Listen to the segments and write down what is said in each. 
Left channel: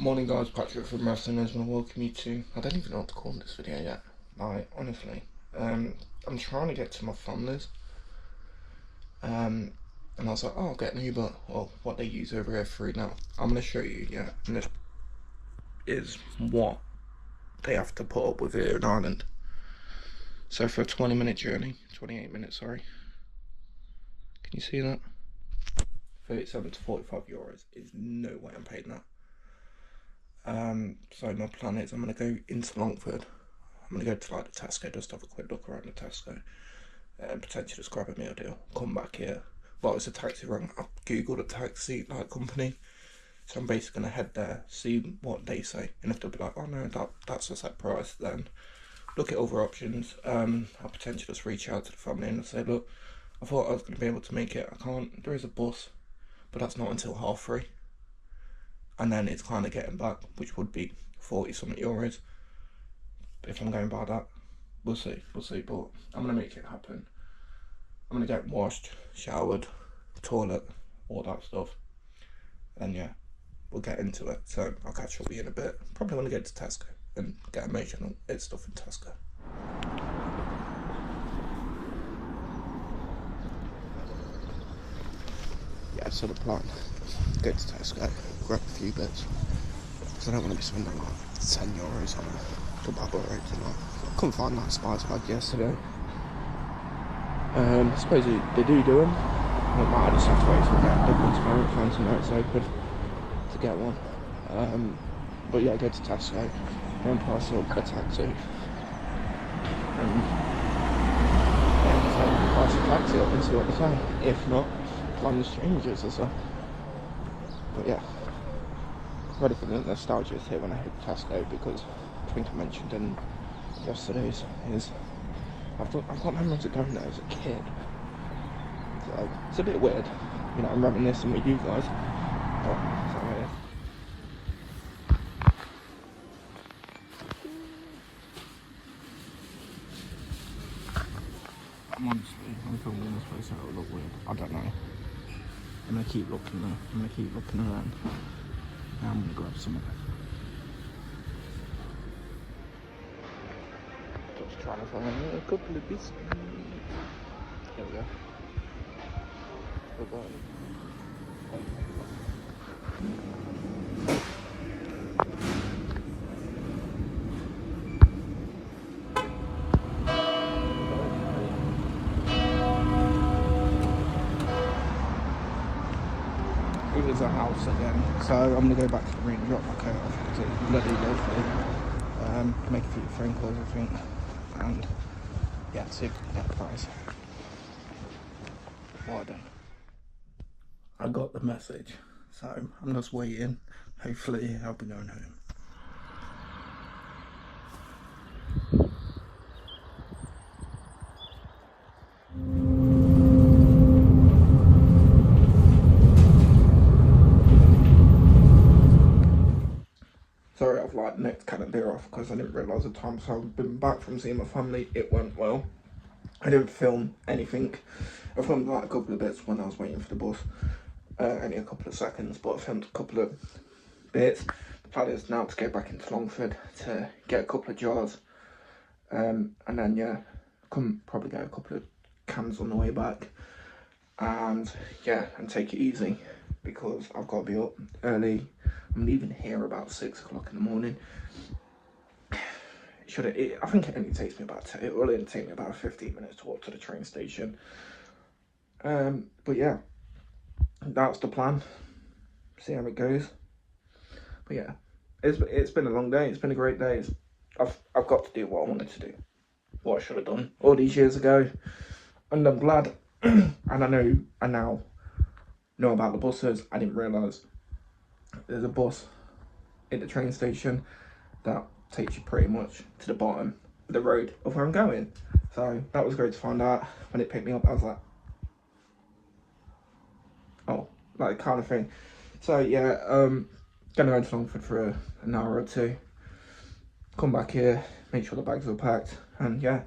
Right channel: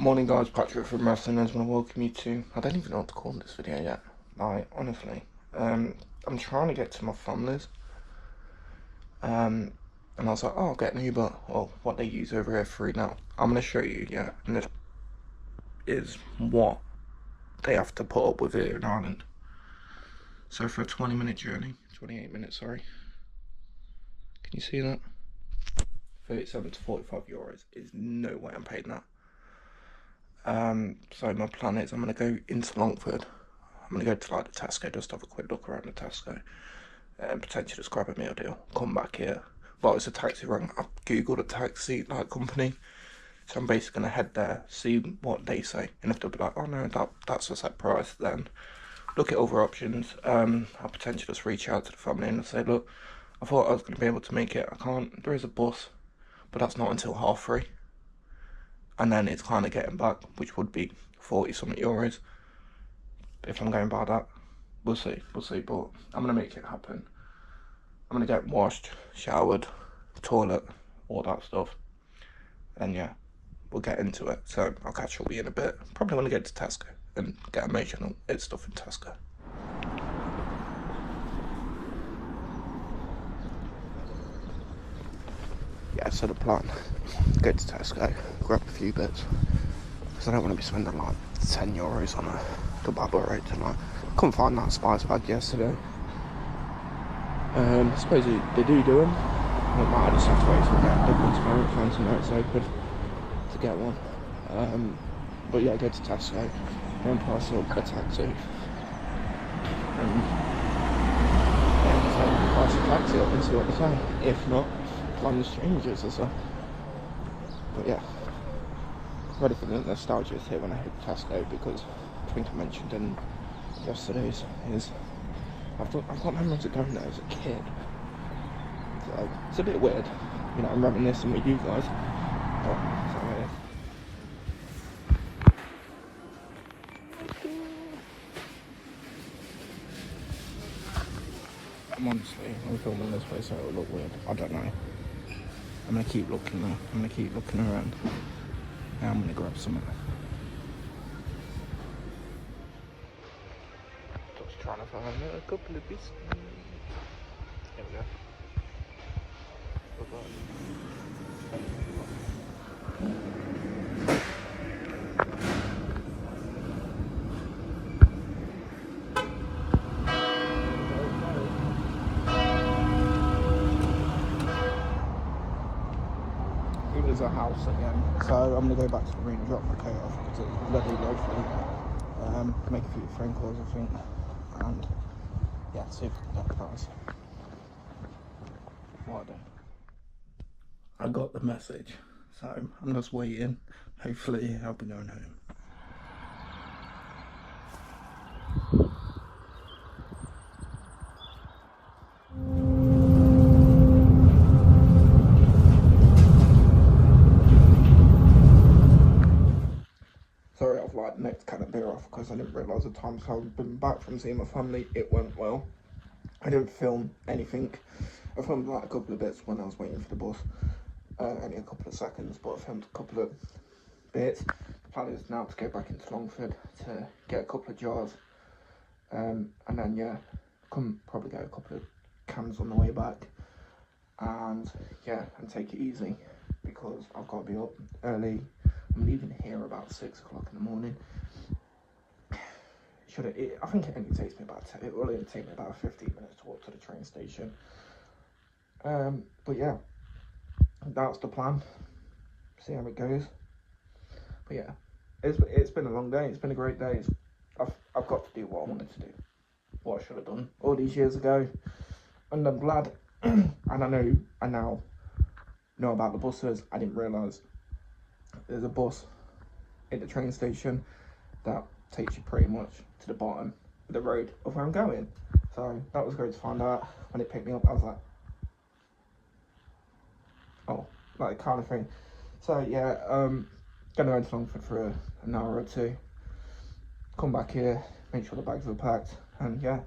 Morning guys, Patrick from Wrestling. I just want to welcome you to, I don't even know what to call this video yet, like, honestly. I'm trying to get to my families, and I was like, oh, I'll get an Uber, or what they use over here free now. I'm going to show you, yeah, and this is what they have to put up with here in Ireland. So for a 20-minute journey, 28 minutes, sorry, can you see that? 37 to 45 euros is no way I'm paying that. So my plan is I'm going to go into Longford. I'm going to go to like the Tesco, just have a quick look around the Tesco and potentially just grab a meal deal, come back here. Well, it's a taxi rank. I've googled a taxi like company, so I'm basically going to head there, see what they say, and if they'll be like, oh no, that's a set price, then look at other options. I'll potentially just reach out to the family and say, look, I thought I was going to be able to make it, I can't, there is a bus, but that's not until 3:30. And then it's kind of getting back, which would be 40 something euros. If I'm going by that, we'll see, but I'm going to make it happen. I'm going to get washed, showered, toilet, all that stuff. And yeah, we'll get into it. So I'll catch up with you in a bit. Probably want to get to Tesco and get emotional, eat stuff in Tesco. Yeah, so the plan, go to Tesco, grab a few bits, because I don't want to be spending like 10 euros on a kebab burrito tonight. Couldn't find that spice bag yesterday. I suppose they do them. I might just have to wait till I get Dublin tomorrow, find some nights open to get one. But yeah, go to Tesco, then price up a taxi. And yeah, just like price a taxi up and see what they say. If not, find the strangers or so. But yeah, ready for the nostalgia here when I hit Tesco, because I think I mentioned in yesterday's is I've got memories of going there as a kid. So it's a bit weird, you know, I'm reminiscing with you guys. But so yeah. I'm filming this place so it'll look weird. I don't know. I'm gonna keep looking though. I'm gonna keep looking around. Now I'm gonna grab something. Just trying to find a couple of biscuits. Here we go. Bye-bye. There's a house again, so I'm gonna go back to the room, drop my coat off because it's bloody lovely. Make a few phone calls, I think, and yeah, see if we can get a price. I got the message, so I'm just waiting. Hopefully, I'll be going home. Sorry, I've like necked kind of beer off because I didn't realise the time. So I've been back from seeing my family. It went well. I didn't film anything. I filmed like a couple of bits when I was waiting for the bus. Only a couple of seconds, but I filmed a couple of bits. The plan is now to get back into Longford to get a couple of jars. And then yeah, probably get a couple of cans on the way back. And yeah, and take it easy because I've got to be up early. I'm leaving here about 6 o'clock in the morning. I think it only takes me it will only take me about 15 minutes to walk to the train station. But yeah, that's the plan. See how it goes. But yeah, it's been a long day. It's been a great day. I've got to do what I wanted to do, what I should have done all these years ago, and I'm glad. And I now know about the buses. I didn't realise there's a bus at the train station that takes you pretty much to the bottom of the road of where I'm going. So that was great to find out. When it picked me up, I was like, oh, like kind of thing. So yeah, gonna go to Longford for an hour or two, come back here, make sure the bags are packed, and yeah.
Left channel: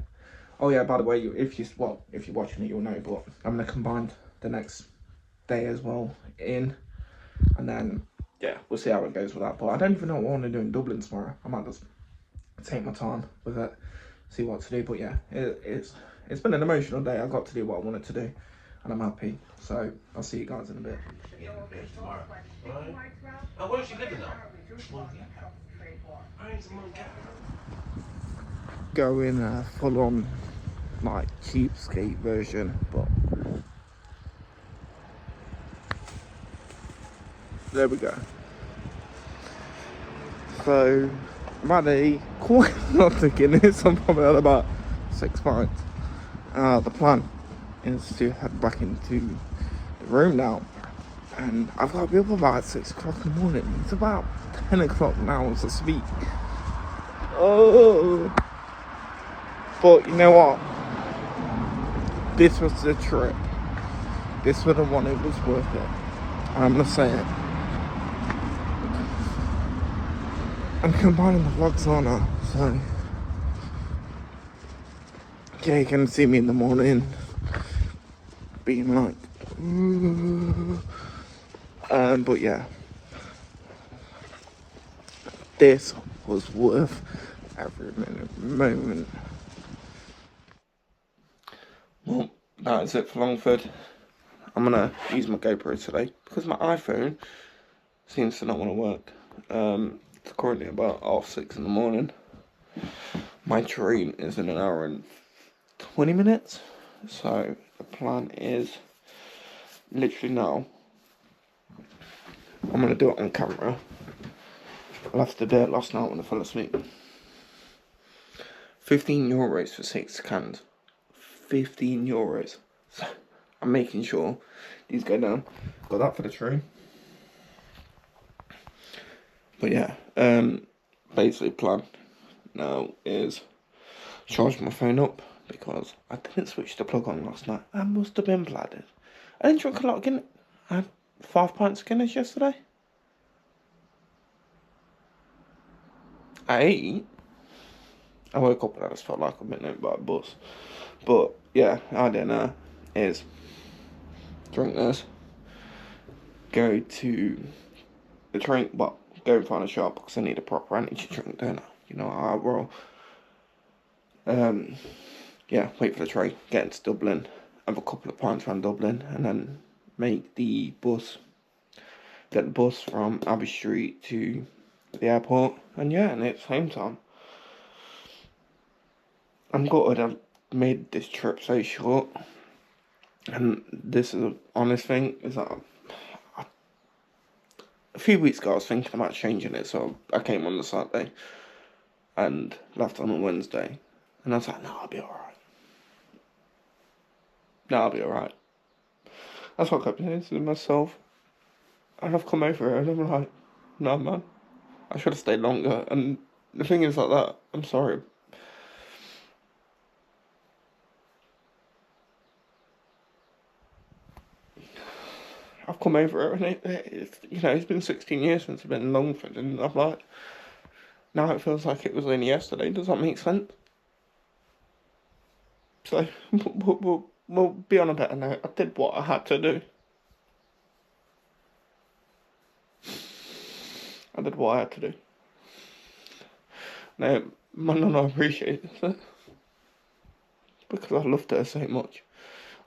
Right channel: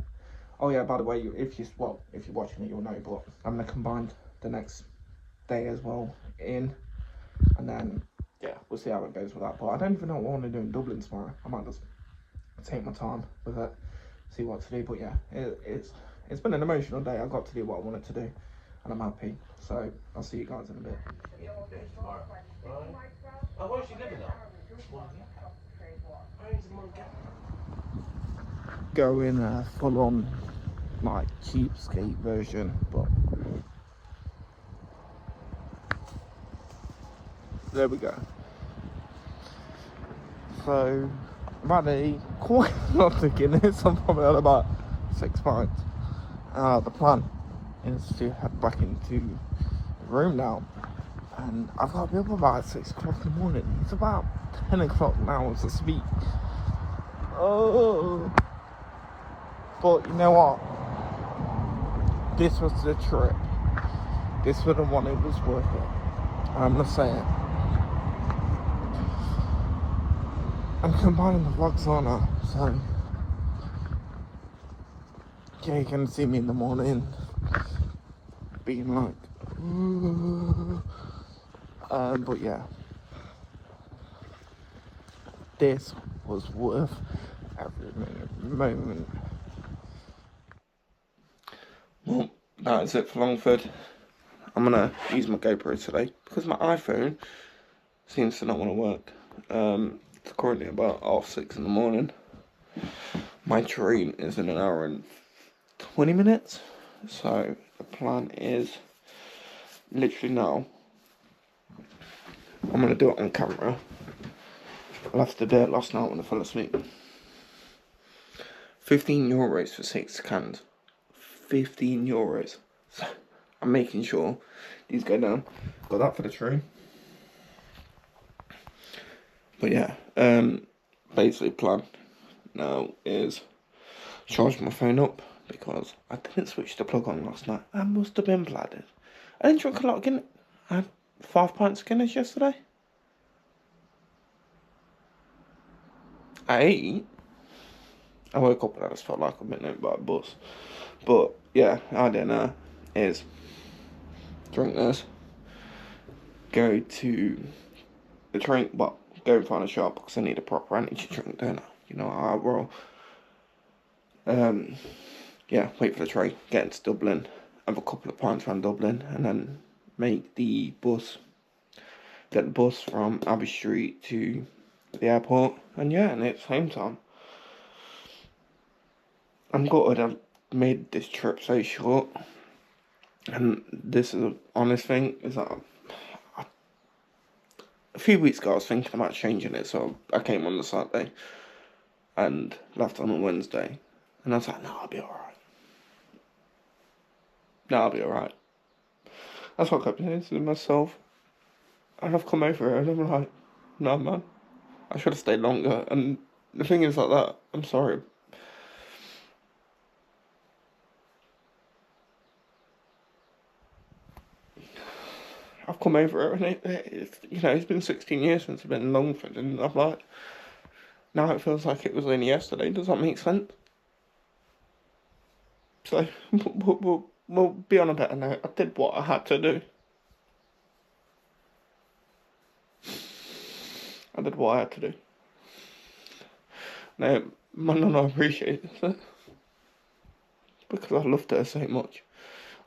Oh yeah, by the way, if you're watching it, you'll know, but I'm gonna combine the next day as well and then yeah, we'll see how it goes with that. But I don't even know what I want to do in Dublin tomorrow. I might just take my time with it, see what to do. But yeah, it's been an emotional day. I got to do what I wanted to do, and I'm happy. So I'll see you guys in a bit. Going full on like cheapskate version, but there we go. So I've had quite a lot of Guinness. I'm probably at about 6 pints. The plan is to head back into the room now, and I've got to be up about 6 o'clock in the morning. It's about 10 o'clock now as I speak. Oh, but you know what? This was the trip. This was the one. It was worth it. I'm gonna say it. I'm combining the vlogs on her, so yeah, you can see me in the morning being like, but yeah, this was worth every moment. Well, that is it for Longford. I'm gonna use my GoPro today because my iPhone seems to not want to work. It's currently about 6:30 in the morning. My train is in an hour and 20 minutes, so the plan is literally now. I'm gonna do it on camera. I left the bit last night when I fell asleep. €15 for 6 cans. €15. So I'm making sure these go down. Got that for the train. But yeah, basically plan now is charge my phone up because I didn't switch the plug on last night. I must have been bladdered. I didn't drink a lot of Guinness. I had 5 pints of Guinness yesterday. I woke up and I just felt like I'd been hit by a bus. But yeah, our dinner is drink this, go to the train, well, go and find a shop because I need a proper energy drink, don't I? You know how I roll. Yeah, wait for the train, get into Dublin, have a couple of pints around Dublin, and then make the bus, get the bus from Abbey Street to the airport, and yeah, and it's home time. I'm gutted I've made this trip so short, and this is an honest thing, is that a few weeks ago I was thinking about changing it, so I came on the Saturday and left on a Wednesday, and I was like, no, I'll be alright. No, I'll be alright. That's what I kept saying to myself, and I've come over here and I'm like, no man, I should have stayed longer, and the thing is like that, I'm sorry. I've come over and it's, you know, it's been 16 years since I've been in Longford, and I'm like, now it feels like it was only yesterday. Does that make sense? So, we'll be on a better note. I did what I had to do. I did what I had to do. Now, my nana appreciates it because I loved her so much.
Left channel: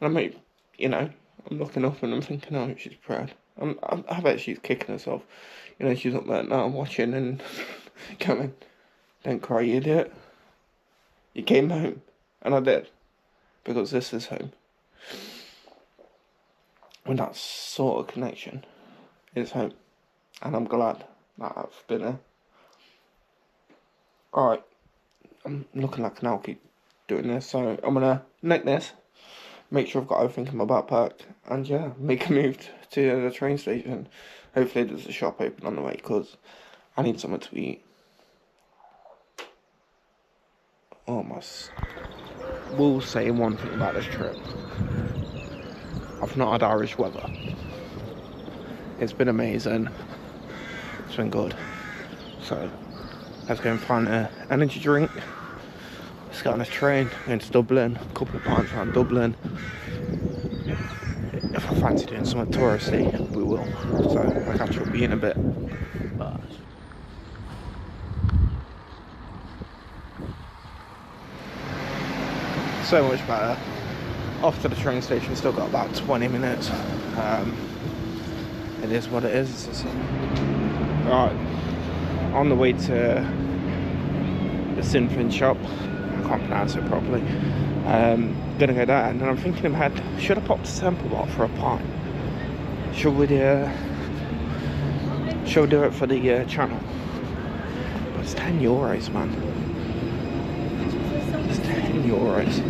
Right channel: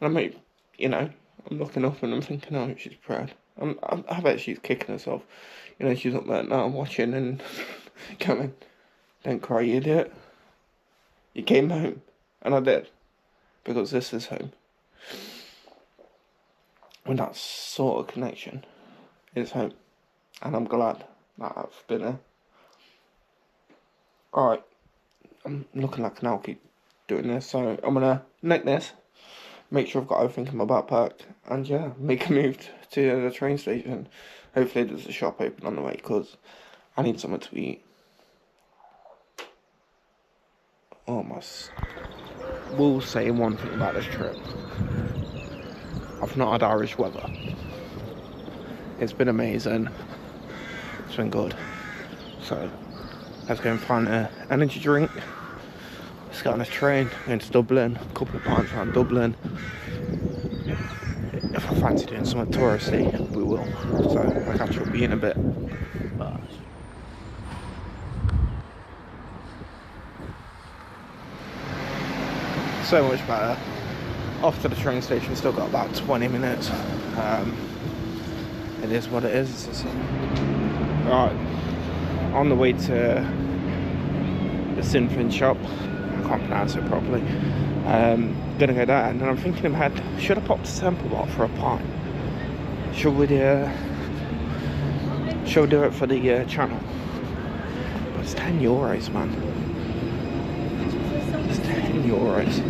And I mean, you know, I'm looking up and I'm thinking, oh, she's proud. I bet she's kicking herself. You know, she's up there now watching and going, don't cry, you idiot. You came home. And I did. Because this is home. When that sort of connection is home. And I'm glad that I've been there. Alright. I'm looking like an keep doing this. So I'm going to neck this. Make sure I've got everything in my backpack, and yeah, make a move to the train station. Hopefully there's a shop open on the way, because I need something to eat. Oh, will say one thing about this trip. I've not had Irish weather. It's been amazing. It's been good. So, let's go and find an energy drink. Let's get on this train, going to Dublin, a couple of pints around Dublin. if I fancy doing something touristy, we will. So I'll catch up with you in a bit. But so much better. Off to the train station, still got about 20 minutes. It is what it is. Right, on the way to the Sinfin shop. I can't pronounce it properly. Gonna go there, and then I'm thinking in my head, should I pop to Temple Bar for a pint? Should we do it for the channel? But it's €10, man. It's €10.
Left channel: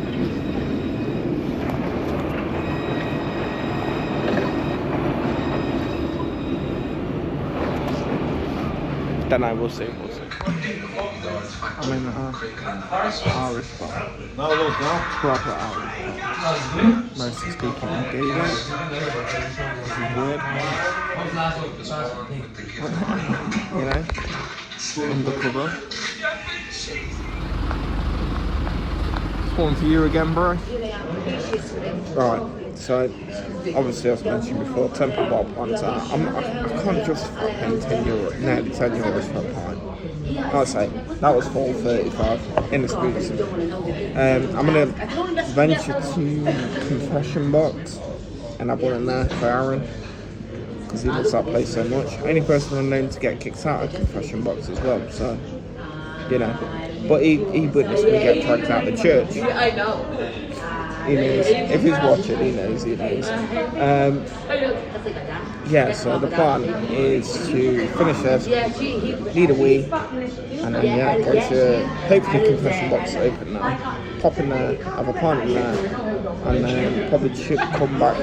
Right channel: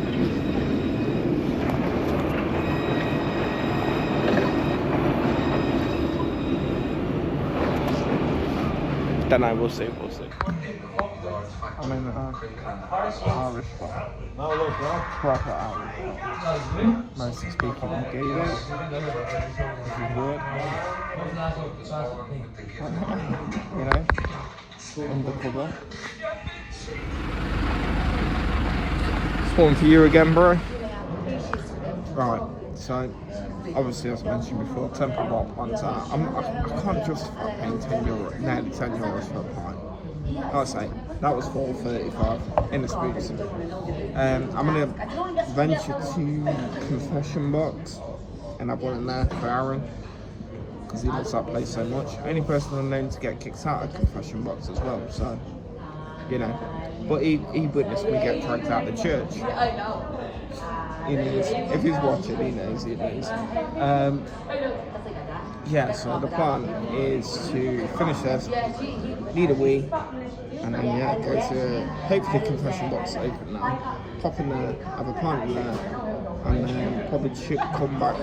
Then I will see, we'll see. I'm in Irish bar. Proper Irish. Mostly speaking English. Weird. You know? Undercover. It's one for you again, bro. Right, so obviously as I mentioned before, Temple Bar plans out. I can't justify paying €10, nearly €10 for a pint. I'd say that was $4.35 in the squeeze. I'm gonna venture to Confession Box and have one in there for Aaron because he loves that place so much. Only person I'm known to get kicked out of Confession Box as well, so you know. But he witnessed me get dragged out of the church. He knows. If he's watching, he knows. Yeah, so the plan is to finish this, need a wee, and then go to hopefully Confession Box open now, pop in there, have a pint in there, and then probably should come back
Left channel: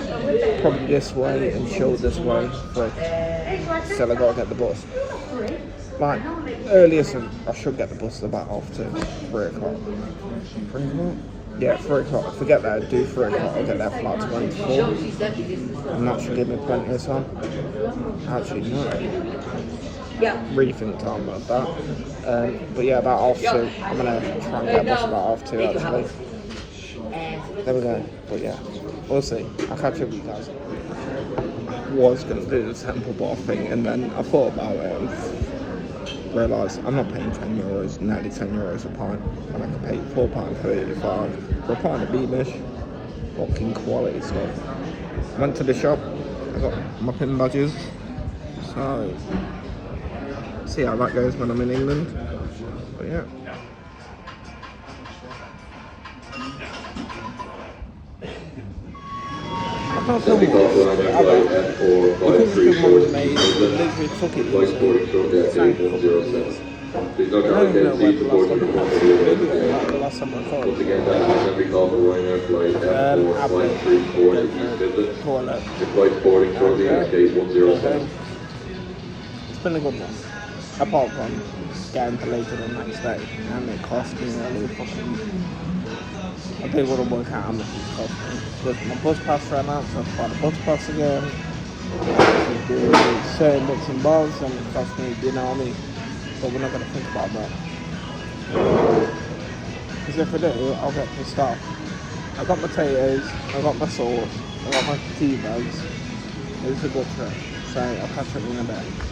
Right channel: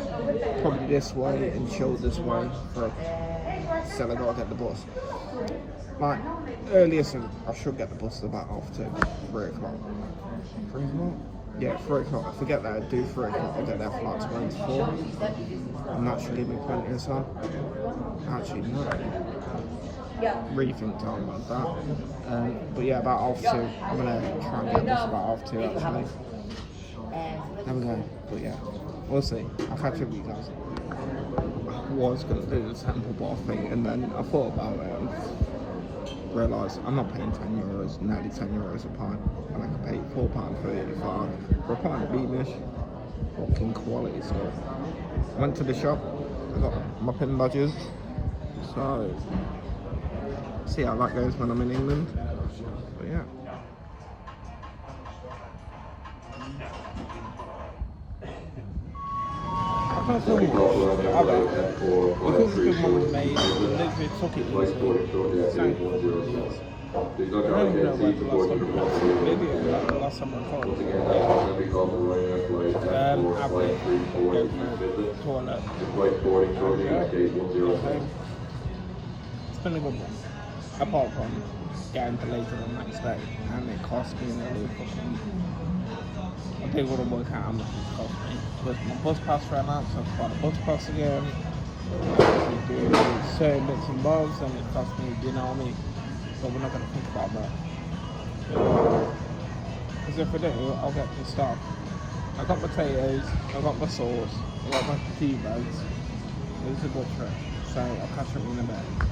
probably this way and chill this way, but still I gotta get the bus. Like, earliest I should get the bus at about 2:30, 3 o'clock. 3 o'clock? Yeah, 3 o'clock. If I get there, do 3 o'clock, I'll get there for like 24. And that should give me plenty of time. Actually, no. Rethink time about that. But yeah, about 2:30. I'm going to try and get a bus about 2:30 actually. There we go. But yeah, we'll see. I'll catch up with you guys. I was going to do the Temple Bar thing, and then I thought about it and realised I'm not paying €10, nearly €10 a pint, and I can pay £4.35 for a pint of Beamish. Fucking quality stuff. Went to the shop, I got my pin badges, so see how that goes when I'm in England. But yeah. I can't tell you what because the one was made, literally took it easily. I don't even know where the last time I recorded. Maybe it was like the last time I recorded. It's been a good one. Apart from getting delayed to the next day, and it cost me nearly fucking... I didn't want to work out how much it cost me. But my bus pass ran out, so I have to buy the bus pass again. I have to do certain bits and bobs, and it cost me, you know what I mean? But we're not going to think about that. Because if I do, I'll get pissed off. I got potatoes, I got my sauce, I got my tea bags. It was a good trip, so I'll catch up in a bit.